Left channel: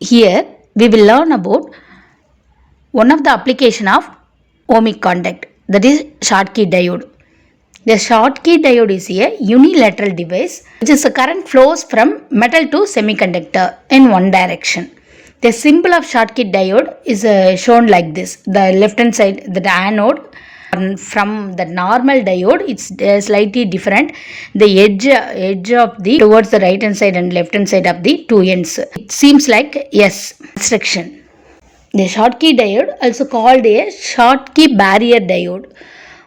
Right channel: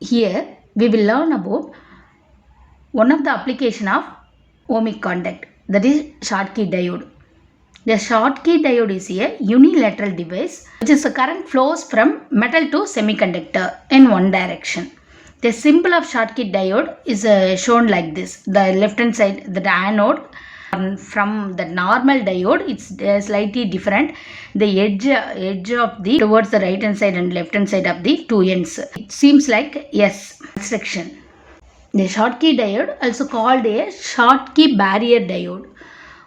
Here we will learn about one of the application of ohmic contact, that is Schottky diode. The Schottky diode is a unilateral device which is the current flows from metal to semiconductor in one direction. The symbol of Schottky diode is shown like this. The left hand side, the anode, from the normal diode, it's slightly different. The edge of the towards the right hand side and left hand side of the two ends. It seems like S construction. The Schottky diode, also called a Schottky barrier diode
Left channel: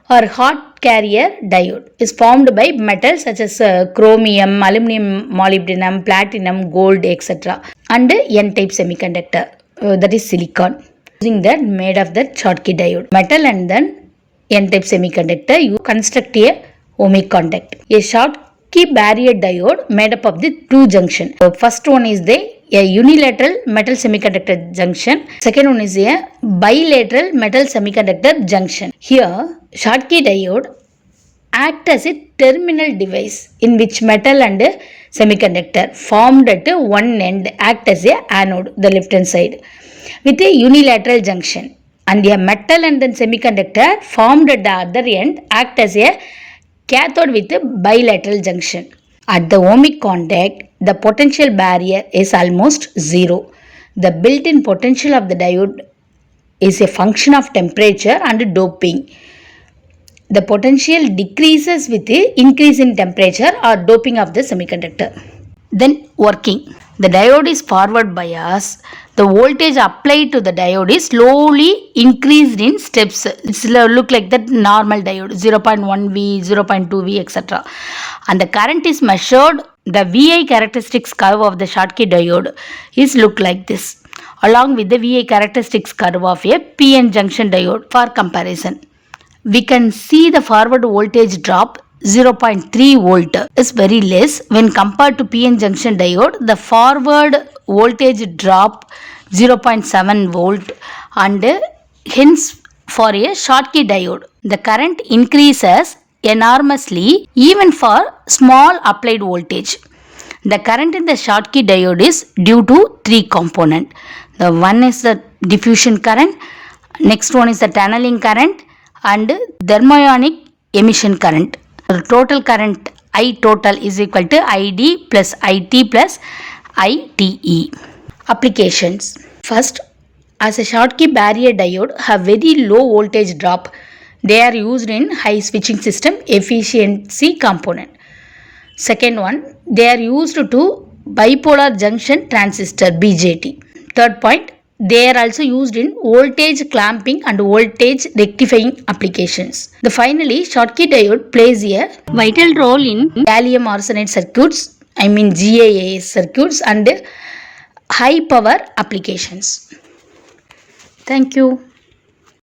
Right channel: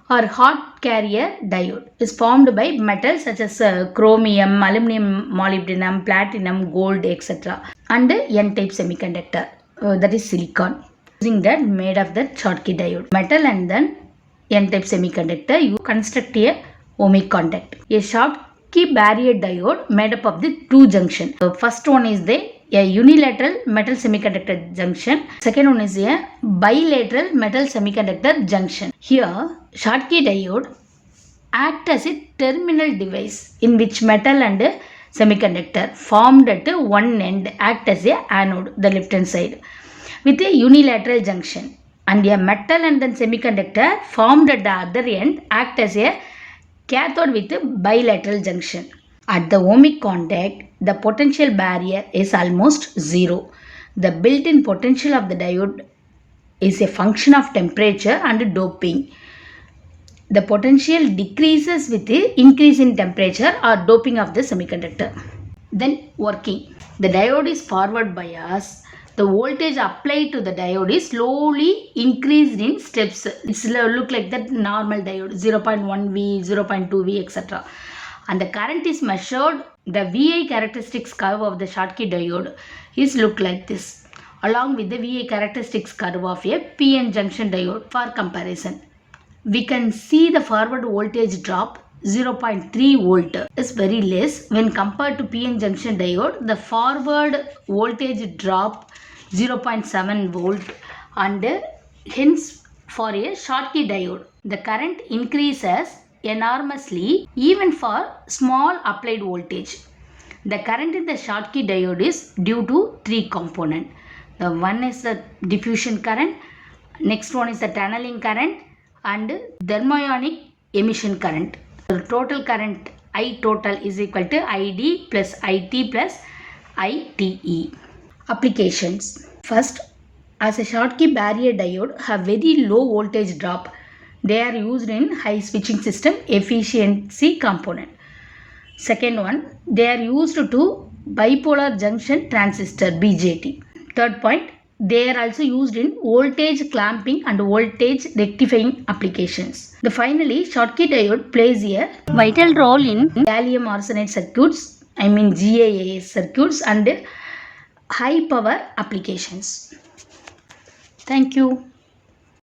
or hot carrier diode, is formed by metals such as chromium, aluminum, molybdenum, platinum, gold, etc. and N-type semiconductor, that is silicon. Using that made of the Schottky diode metal and then N-type semiconductor, you construct a ohmic contact. A Schottky barrier diode made up of the two junction. The first one is a unilateral metal semiconductor junction. Second one is a bilateral metal semiconductor junction. Here, Schottky diode act as a terminal device in which metal and semiconductor formed at one end act as a anode, the left hand side, with a unilateral junction, and a metal and then semiconductor formed at the other end act as a cathode with a bilateral junction. At the ohmic contact, the potential barrier is almost zero. The built-in potential of the diode is a function of temperature and doping. The potential decreases with the increase in temperature or doping of the semiconductor. Then working. The diode is forward bias. The voltage applied to the diode is slowly increased in steps. It's look like that normal diode, 0.1V, 0.2V, etc. And the current is measured. The VI characteristics curve of the Schottky diode is look like this, along with the VI characteristics curve of a PN junction diode for comparison. We can see the forward voltage drop 0.3 volt is very less when compared to PN junction diode. The forward voltage drop 0.7 volt, and hence for a Schottky diode the current increases enormously even for small applied voltage. The current in the Schottky diode is due to three components. The one is the diffusion current, next one is the tunneling current, and thermionic emission current. The total current I total is equal to ID plus IT plus ITE. Applications. First, as a Schottky barrier diode have very low voltage drop, they are used in high switching system efficiency component. Second one, they are used to bipolar junction transistor BJT. Third point, they are also used in voltage clamping and voltage rectifying applications. Finally, Schottky diode plays a vital role in gallium arsenide circuits, GaAs circuits, and high power applications. Thank you.